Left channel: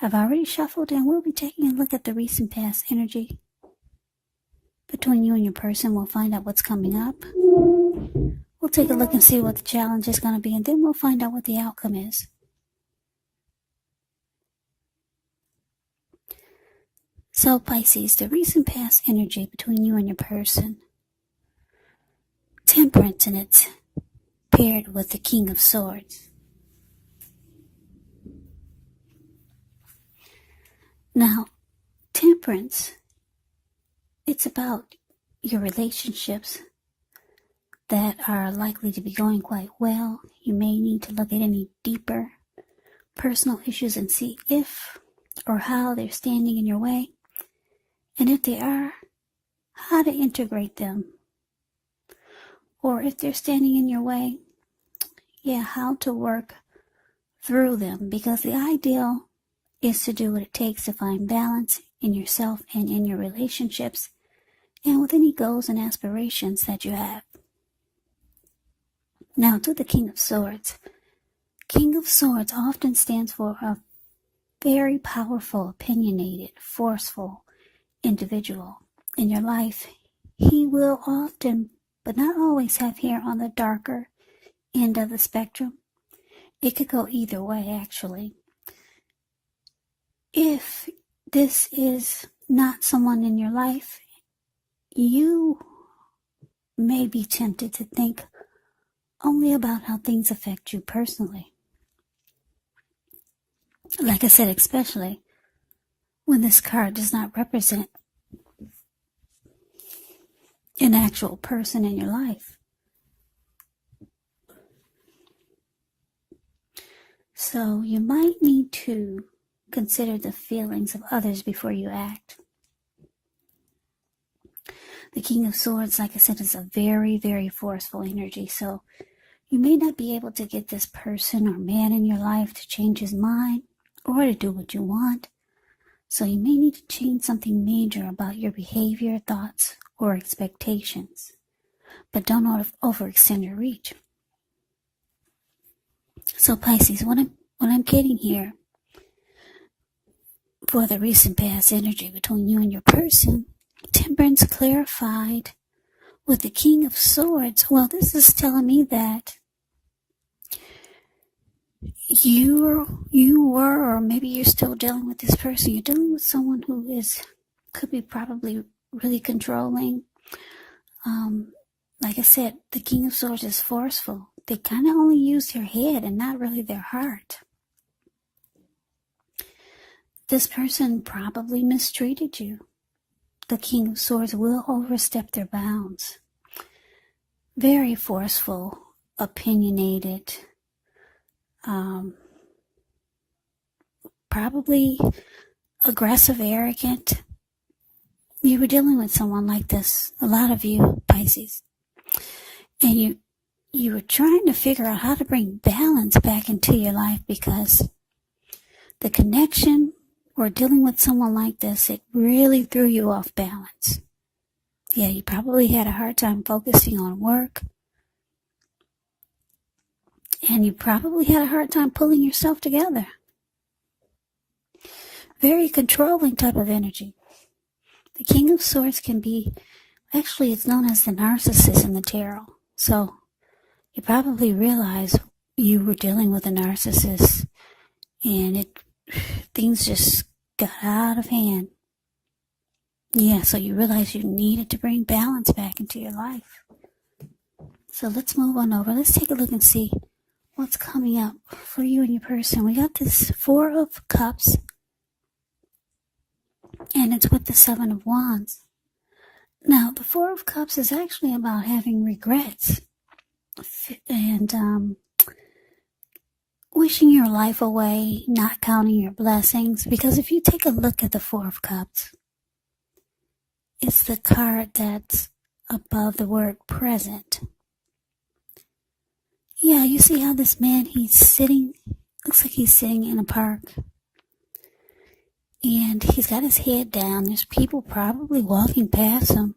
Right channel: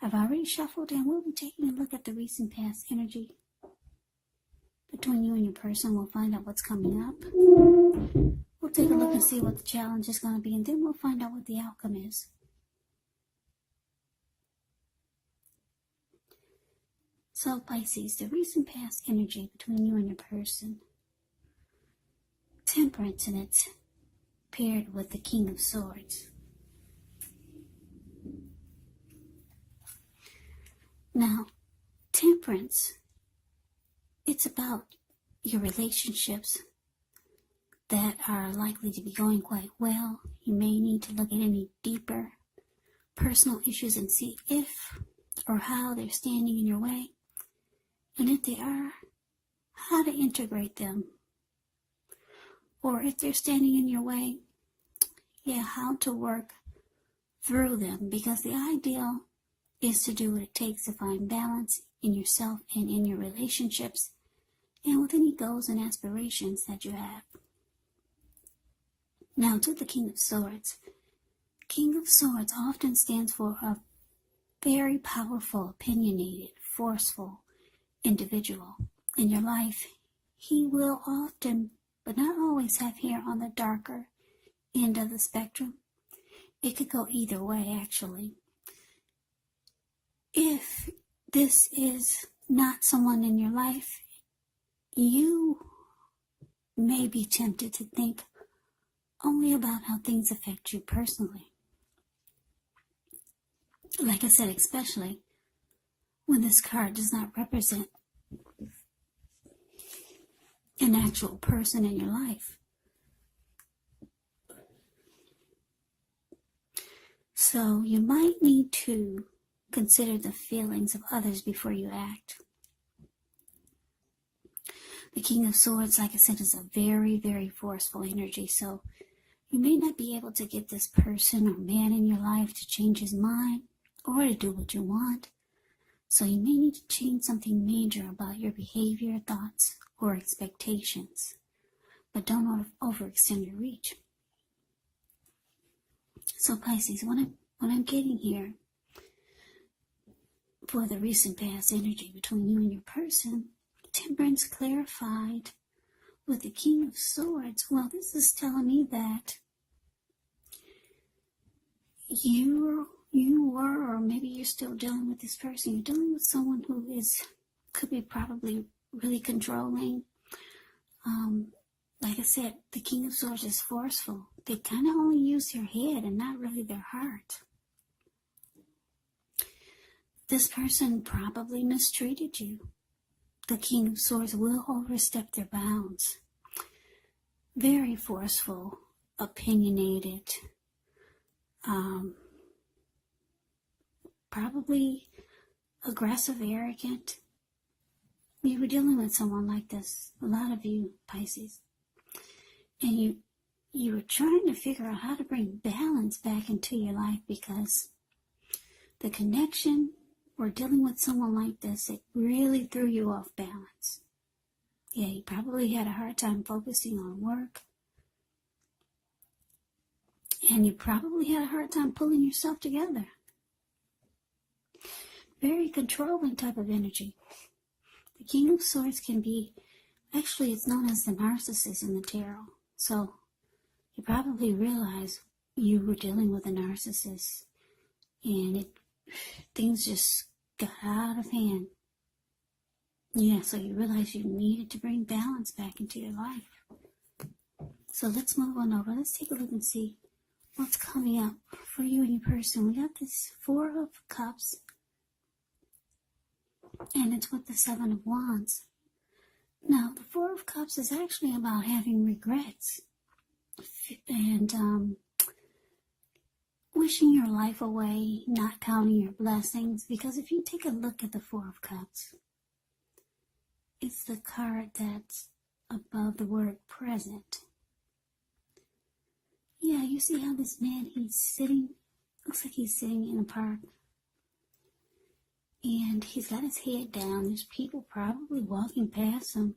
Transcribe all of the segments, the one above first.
I've already shuffled, and we'll be taking a look at the recent past energy between you and your person. We'll find out what's coming up. We'll take a look and see what the challenge is going to be, and then we'll find out what the outcome is. So, Pisces, the recent past energy between you and your person. Temperance, and it's paired with the King of Swords. Now, Temperance, it's about your relationships that are likely to be going quite well. You may need to look at any deeper personal issues and see if or how they're standing in your way. And if they are, how to integrate them. Or if they're standing in your way, how to work through them. Because the ideal is to do what it takes to find balance in yourself and in your relationships and with any goals and aspirations that you have. Now to the King of Swords. King of Swords often stands for a very powerful, opinionated, forceful individual in your life. He will often, but not always, have hair on the darker end of the spectrum. It could go either way, actually. If this is not someone in your life, you may be tempted to think only about how things affect you personally. Like I said, especially when this card does not represent an actual person in your life. So you might need to consider the feelings of others before you act. The King of Swords, like I said, is a very, very forceful energy. So you may not be able to get this person or man in your life to change his mind or to do what you want. So you may need to change something major about your behavior, thoughts, or expectations. But don't overextend your reach. So Pisces, what I'm getting here for the recent past energy between you and your person, Temperance clarified with the King of Swords. Well, this is telling me that you were, or maybe you're still dealing with this person. You're dealing with someone who could be probably really controlling. Like I said, the King of Swords is forceful. They kind of only use their head and not really their heart. This person probably mistreated you. The King of Swords will overstep their bounds. Very forceful, opinionated, probably aggressive, arrogant. You were dealing with someone like this, a lot of you, Pisces. And you were trying to figure out how to bring balance back into your life because the connection or dealing with someone like this, it really threw you off balance. Yeah, you probably had a hard time focusing on work. And you probably had a hard time pulling yourself together. Very controlling type of energy. The King of Swords can be, actually it's known as the narcissist in the tarot. So you probably realize you were dealing with a narcissist and things just got out of hand. Yeah, so you realize you needed to bring balance back into your life. So let's move on over. Let's take a look and see what's coming up for you and your person. We got this 4 of Cups, and it's with the 7 of Wands. Now, the 4 of Cups is actually about having regrets and wishing your life away, not counting your blessings. Because if you take a look at the 4 of Cups, it's the card that's above the word present. Yeah, you see how this man, looks like he's sitting in a park. And he's got his head down. There's people probably walking past him.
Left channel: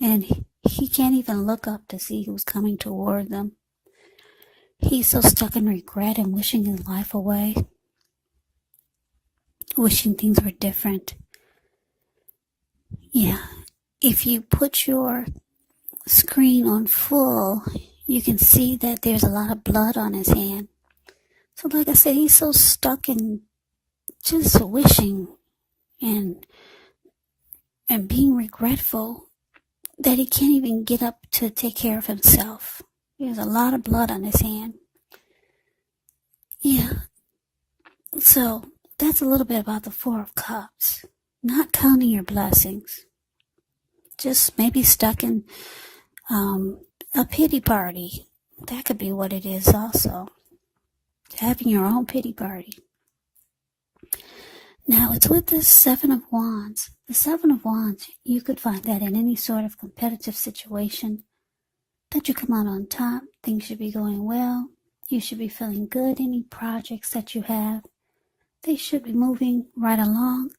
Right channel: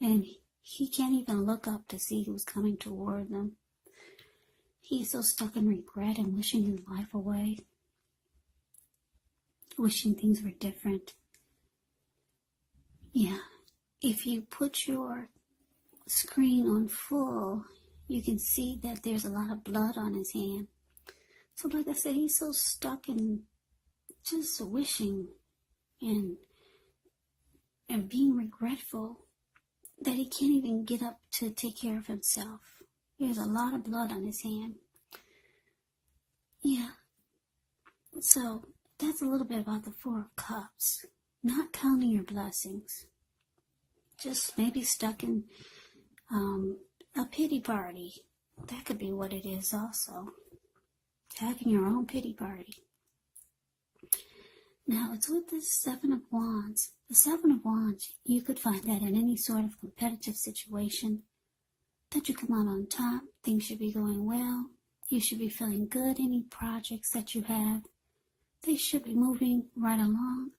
And he can't even look up to see who's coming toward them. He's so stuck in regret and wishing his life away. wishing things were different. Yeah, if you put your screen on full, you can see that there's a lot of blood on his hand. So like I said, he's so stuck in just wishing and being regretful that he can't even get up to take care of himself. There's a lot of blood on his hand. Yeah. So that's a little bit about the Four of Cups. Not counting your blessings. Just maybe stuck in a pity party. That could be what it is also. Having your own pity party. Now it's with this Seven of Wands. The Seven of Wands, you could find that in any sort of competitive situation, that you come out on top, things should be going well, you should be feeling good, any projects that you have, they should be moving right along.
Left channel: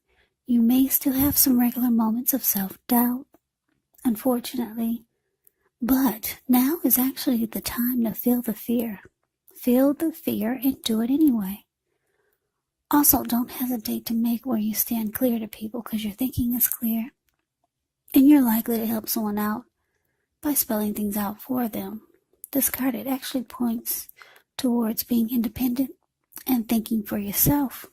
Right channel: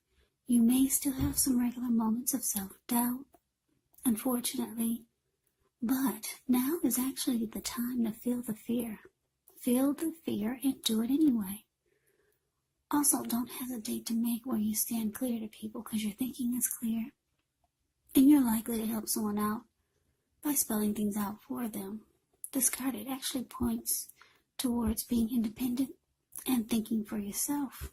You may still have some regular moments of self-doubt, unfortunately, but now is actually the time to feel the fear. Feel the fear and do it anyway. Also, don't hesitate to make where you stand clear to people because your thinking is clear. And you're likely to help someone out by spelling things out for them. This card, it actually points towards being independent and thinking for yourself.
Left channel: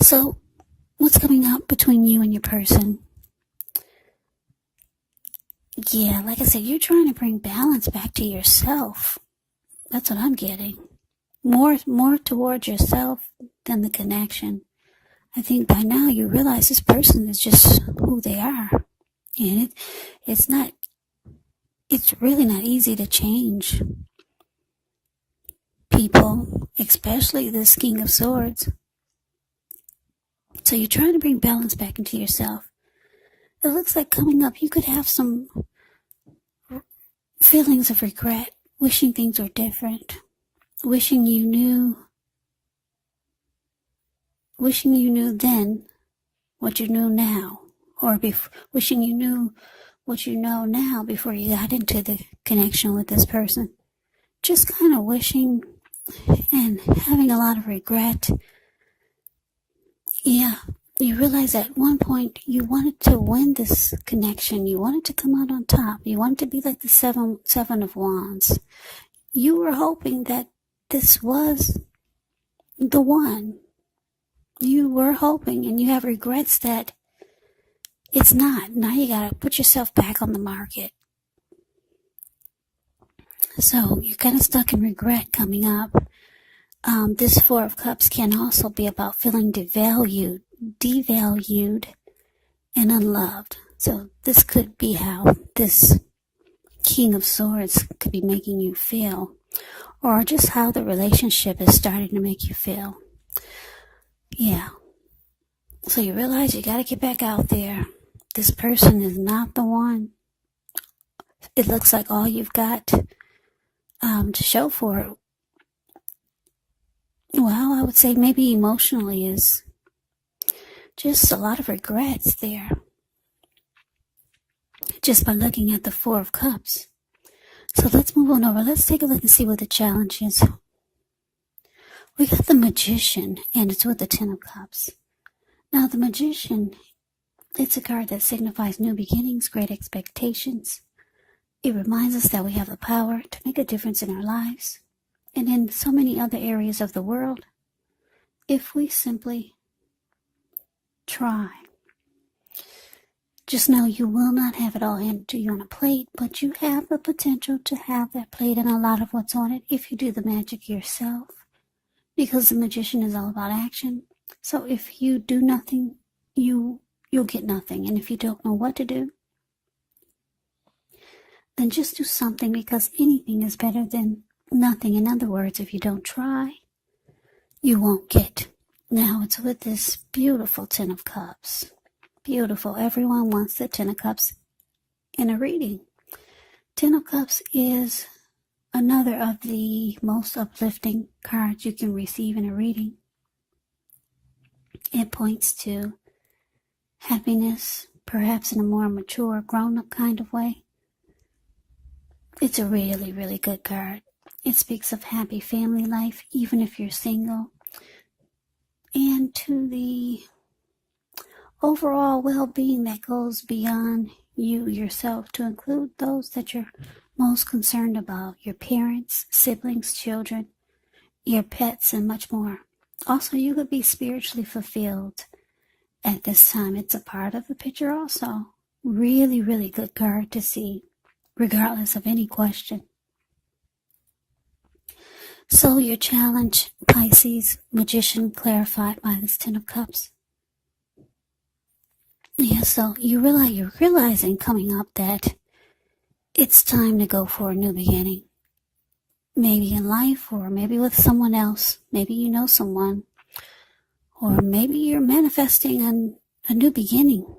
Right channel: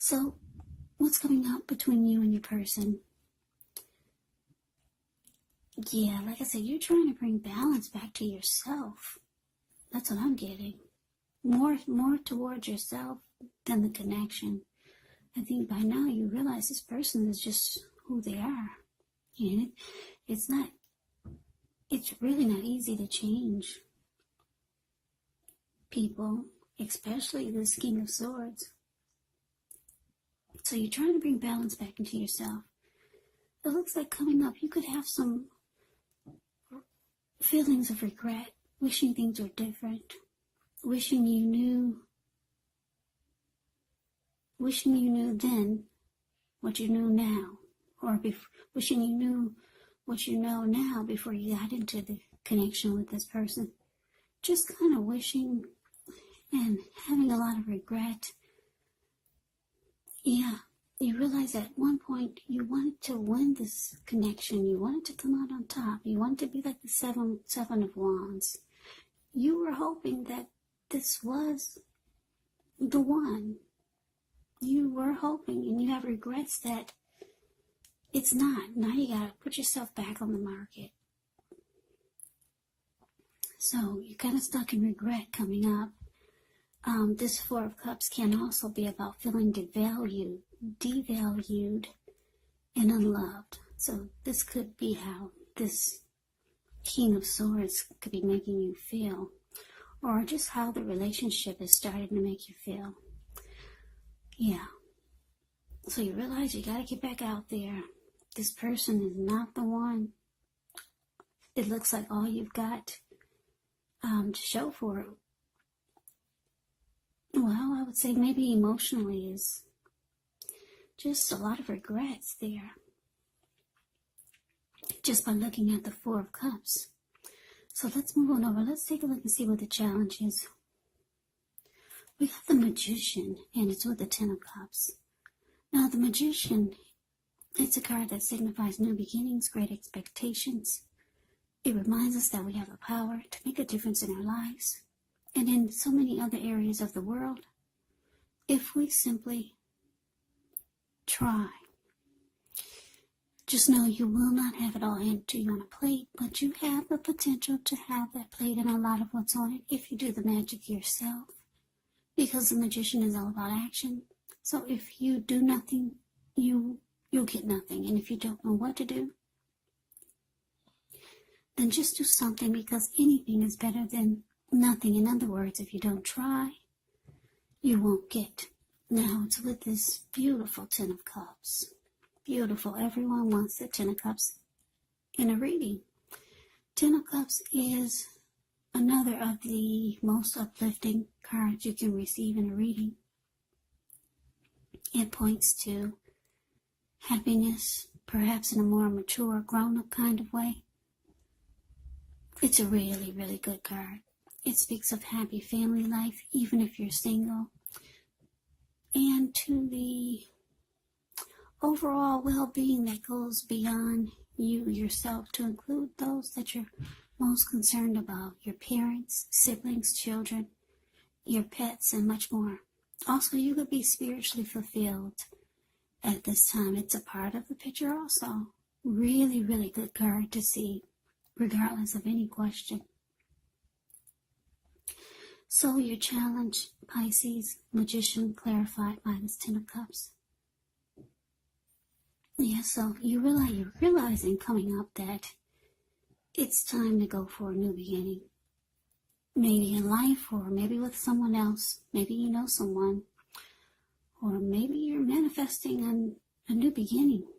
So, what's coming up between you and your person? Yeah, like I said, you're trying to bring balance back to yourself. That's what I'm getting. More towards yourself than the connection. I think by now you realize this person is just who they are. And it's really not easy to change people, especially this King of Swords. So you're trying to bring balance back into yourself. It looks like coming up you could have some feelings of regret, wishing things were different, wishing you knew then what you knew now, or wishing you knew what you know now before you got into the connection with this person. Just kind of wishing and having a lot of regret. Yeah, you realize at one point you wanted to win this connection. You wanted to come out on top. You wanted to be like the seven of Wands. You were hoping that this was the one. You were hoping, and you have regrets that it's not. Now you gotta put yourself back on the market. So you're kind of stuck in regret coming up. This Four of Cups can also be about feeling devalued, and unloved. So this could be how this King of Swords could be making you feel, or just how the relationship is starting to make you feel. Yeah. So you realize you got to get back out there. This person is not the one. It looks like all you've got to show for it. Well, I would say maybe emotionally is just a lot of regrets there. Just by looking at the Four of Cups. So let's move on over. Let's take a look and see what the challenge is. We got the Magician, and it's with the Ten of Cups. Now, the Magician, it's a card that signifies new beginnings, great expectations. It reminds us that we have the power to make a difference in our lives and in so many other areas of the world if we simply try. Just know you will not have it all handed to you on a plate, but you have the potential to have that plate and a lot of what's on it if you do the magic yourself. Because the Magician is all about action. So if you do nothing, you'll get nothing. And if you don't know what to do, then just do something, because anything is better than nothing. In other words, if you don't try, you won't get. Now it's with this beautiful Ten of Cups. Beautiful. Everyone wants the Ten of Cups in a reading. Ten of Cups is another of the most uplifting cards you can receive in a reading. It points to happiness, perhaps in a more mature, grown-up kind of way. It's a really, really good card. It speaks of happy family life, even if you're single. and to the overall well-being that goes beyond you yourself, to include those that you're most concerned about, your parents, siblings, children, your pets, and much more. Also, you could be spiritually fulfilled at this time. It's a part of the picture also. Really, really good card to see, regardless of any question. So your challenge, Pisces, Magician, clarified by this Ten of Cups. Yeah, so you're realizing coming up that it's time to go for a new beginning. Maybe in life, or maybe with someone else. Maybe you know someone. Or maybe you're manifesting a new beginning.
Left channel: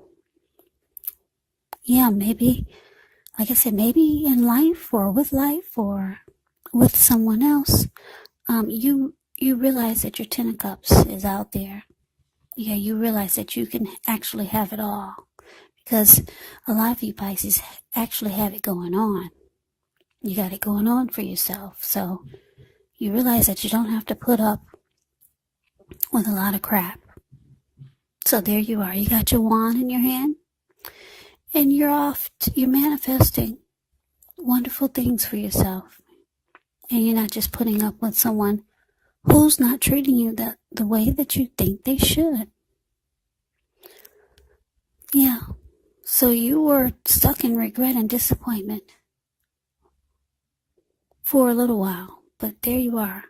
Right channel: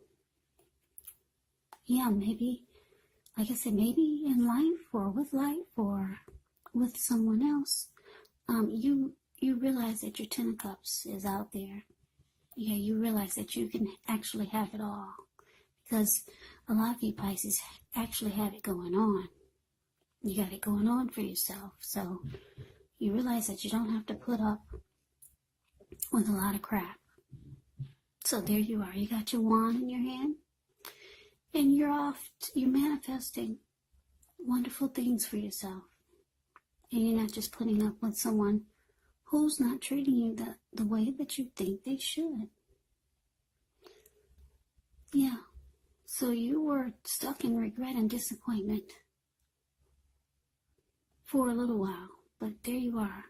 Yeah, maybe, like I said, maybe in life or with someone else. You realize that your Ten of Cups is out there. Yeah, you realize that you can actually have it all. Because a lot of you Pisces actually have it going on. You got it going on for yourself. So you realize that you don't have to put up with a lot of crap. So there you are. You got your wand in your hand. And you're manifesting wonderful things for yourself. And you're not just putting up with someone who's not treating you the way that you think they should. Yeah. So you were stuck in regret and disappointment for a little while. But there you are,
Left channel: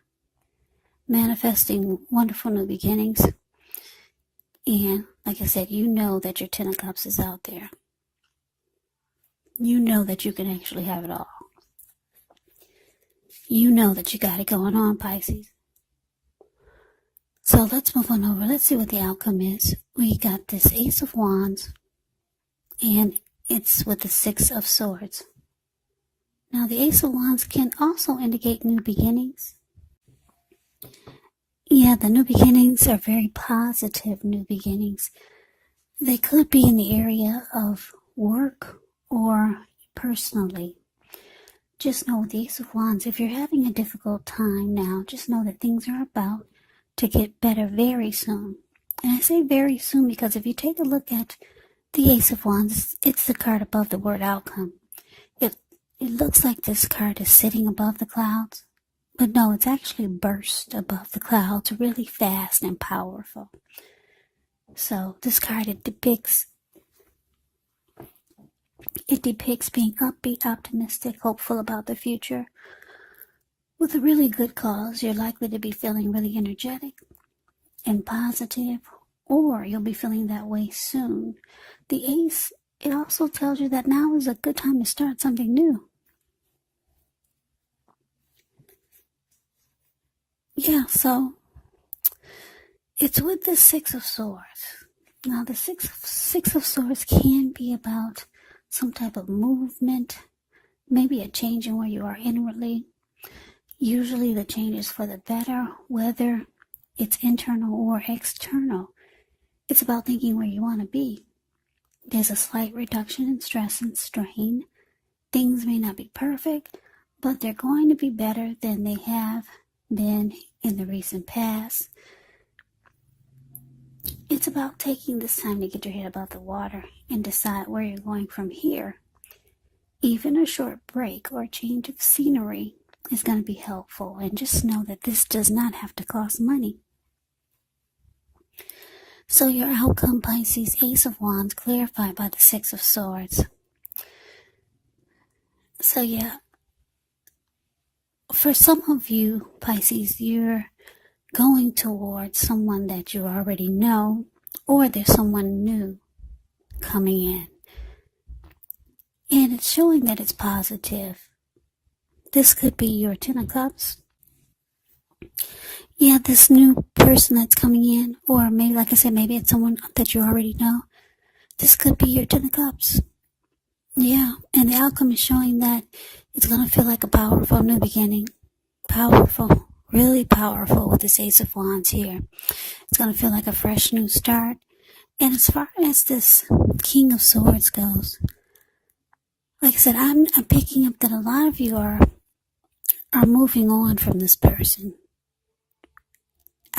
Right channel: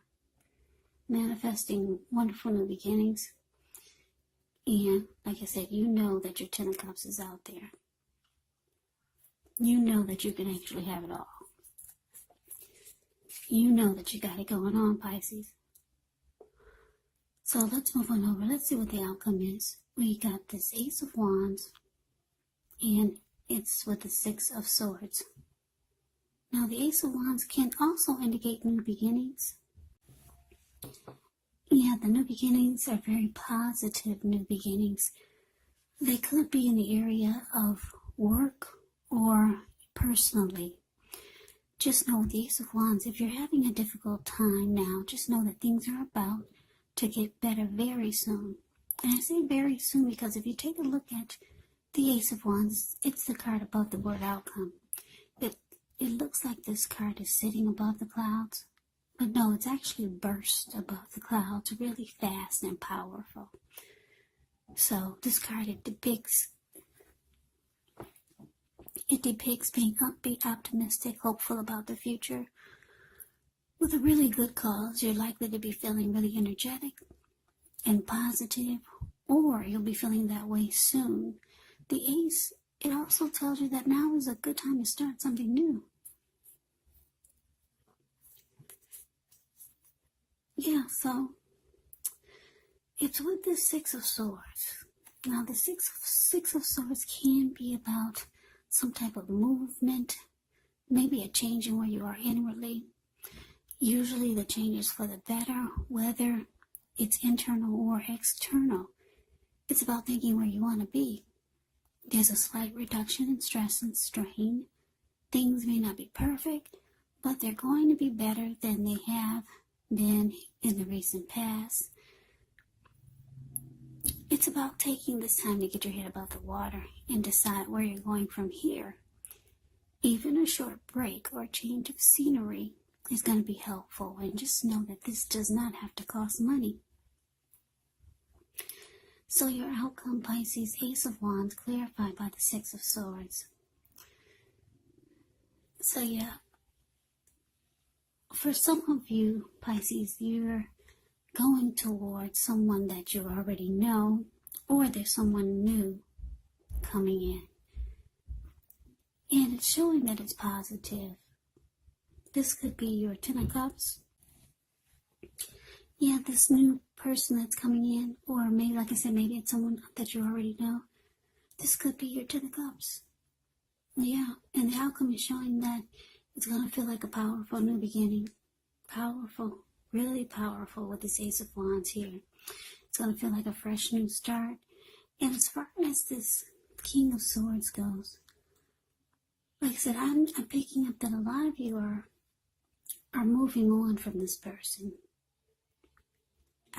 manifesting wonderful new beginnings. And like I said, you know that your Ten of Cups is out there. You know that you can actually have it all. You know that you got it going on, Pisces. So let's move on over. Let's see what the outcome is. We got this Ace of Wands, and it's with the Six of Swords. Now, the Ace of Wands can also indicate new beginnings. Yeah, the new beginnings are very positive new beginnings. They could be in the area of work or personally. Just know with the Ace of Wands, if you're having a difficult time now, just know that things are about to get better very soon. And I say very soon because if you take a look at the Ace of Wands, it's the card above the word outcome. It looks like this card is sitting above the clouds, but no, it's actually burst above the clouds really fast and powerful. So this card, it depicts being upbeat, optimistic, hopeful about the future. With a really good cause, you're likely to be feeling really energetic and positive, or you'll be feeling that way soon. The Ace, it also tells you that now is a good time to start something new. Yeah, so it's with the Six of Swords. Now, the Six of Swords can be about some type of movement, maybe a change in where you are inwardly. Usually the change is for the better, whether it's internal or external. It's about thinking where you want to be. There's a slight reduction in stress and strain. Things may not be perfect, but they're going to be better than they have been in the recent past. It's about taking this time to get your head above the water and decide where you're going from here. Even a short break or a change of scenery is going to be helpful. And just know that this does not have to cost money. So your outcome, Pisces, Ace of Wands, clarified by the Six of Swords. So yeah, for some of you, Pisces, you're going towards someone that you already know, or there's someone new coming in. And it's showing that it's positive. This could be your Ten of Cups. Yeah, this new person that's coming in, or maybe, like I said, maybe it's someone that you already know. This could be your Ten of Cups. Yeah, and the outcome is showing that it's going to feel like a powerful new beginning. Powerful, really powerful with this Ace of Wands here. It's going to feel like a fresh new start. And as far as this King of Swords goes, like I said, I'm picking up that a lot of you are moving on from this person.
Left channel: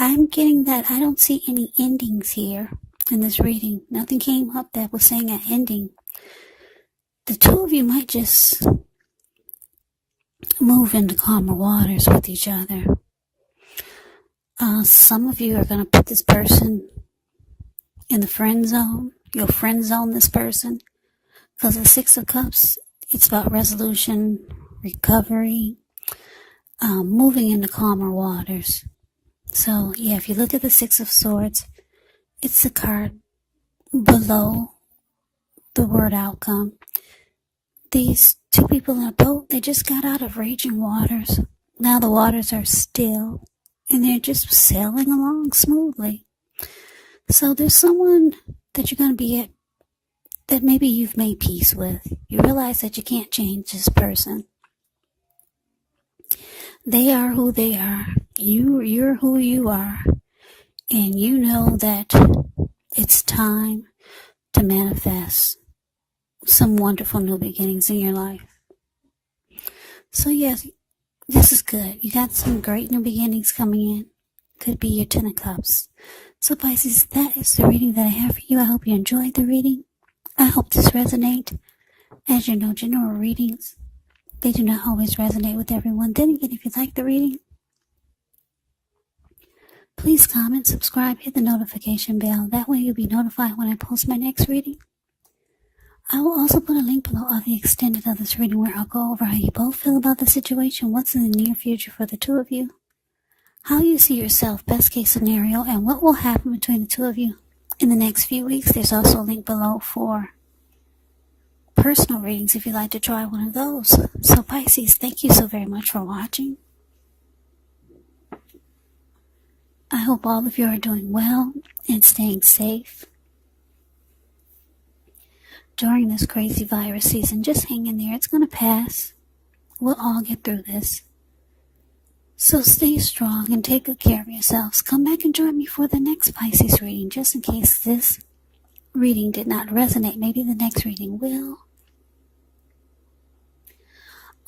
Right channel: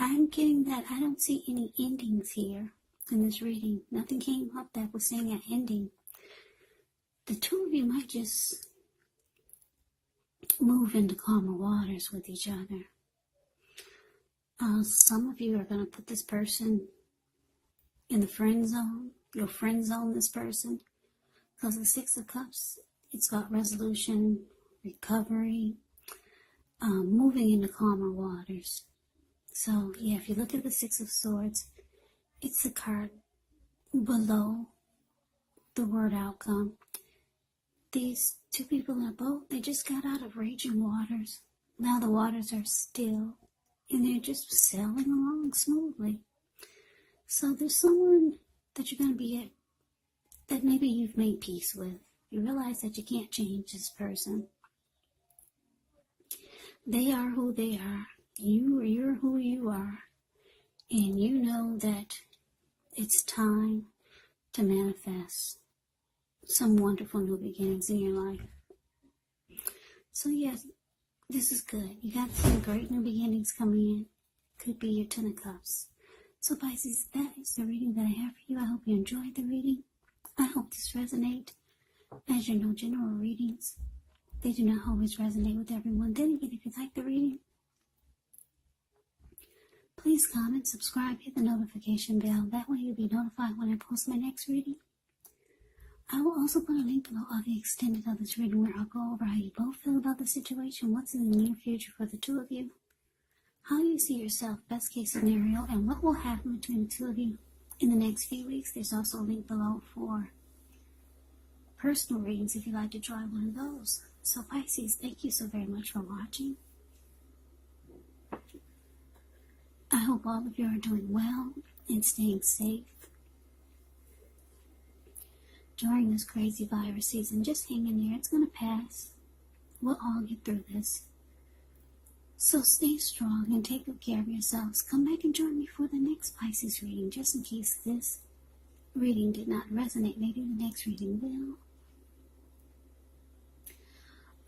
I'm getting that I don't see any endings here in this reading. Nothing came up that was saying an ending. The two of you might just move into calmer waters with each other. Some of you are going to put this person in the friend zone. You'll friend zone this person. Because the Six of Cups, it's about resolution, recovery, moving into calmer waters. So, yeah, if you look at the Six of Swords, it's the card below the word outcome. These two people in a boat, they just got out of raging waters. Now the waters are still, and they're just sailing along smoothly. So there's someone that you're going to be at that maybe you've made peace with. You realize that you can't change this person. They are who they are. You're who you are. And you know that it's time to manifest some wonderful new beginnings in your life. So yes, this is good. You got some great new beginnings coming in. Could be your Ten of Cups. So Pisces, that is the reading that I have for you. I hope you enjoyed the reading. I hope this resonates. As you know, general readings, they do not always resonate with everyone. Then again, if you like the reading, please comment, subscribe, hit the notification bell. That way you'll be notified when I post my next reading. I will also put a link below of the extended of this reading where I'll go over how you both feel about the situation, what's in the near future for the two of you, how you see yourself, best case scenario, and what will happen between the two of you in the next few weeks. There's also a link below for personal readings if you'd like to try one of those. So Pisces, thank you so very much for watching. I hope all of you are doing well and staying safe during this crazy virus season. Just hang in there. It's going to pass. We'll all get through this. So stay strong and take good care of yourselves. Come back and join me for the next Pisces reading, just in case this reading did not resonate. Maybe the next reading will.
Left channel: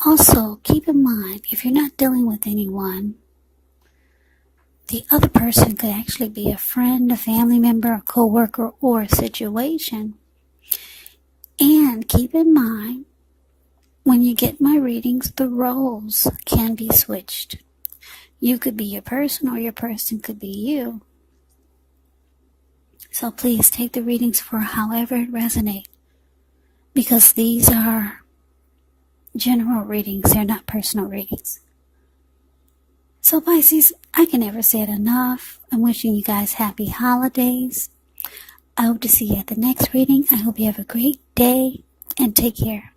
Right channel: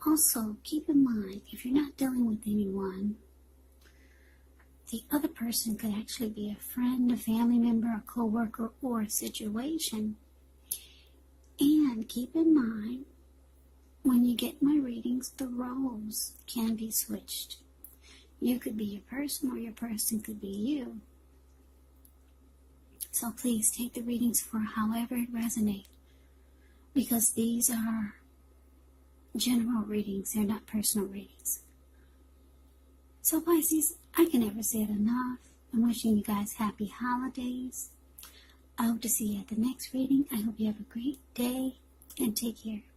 Also, keep in mind, if you're not dealing with anyone, the other person could actually be a friend, a family member, a co-worker, or a situation. And keep in mind, when you get my readings, the roles can be switched. You could be your person, or your person could be you. So please take the readings for however it resonates, because these are general readings. They're not personal readings. So Pisces, I can never say it enough. I'm wishing you guys happy holidays. I hope to see you at the next reading. I hope you have a great day and take care.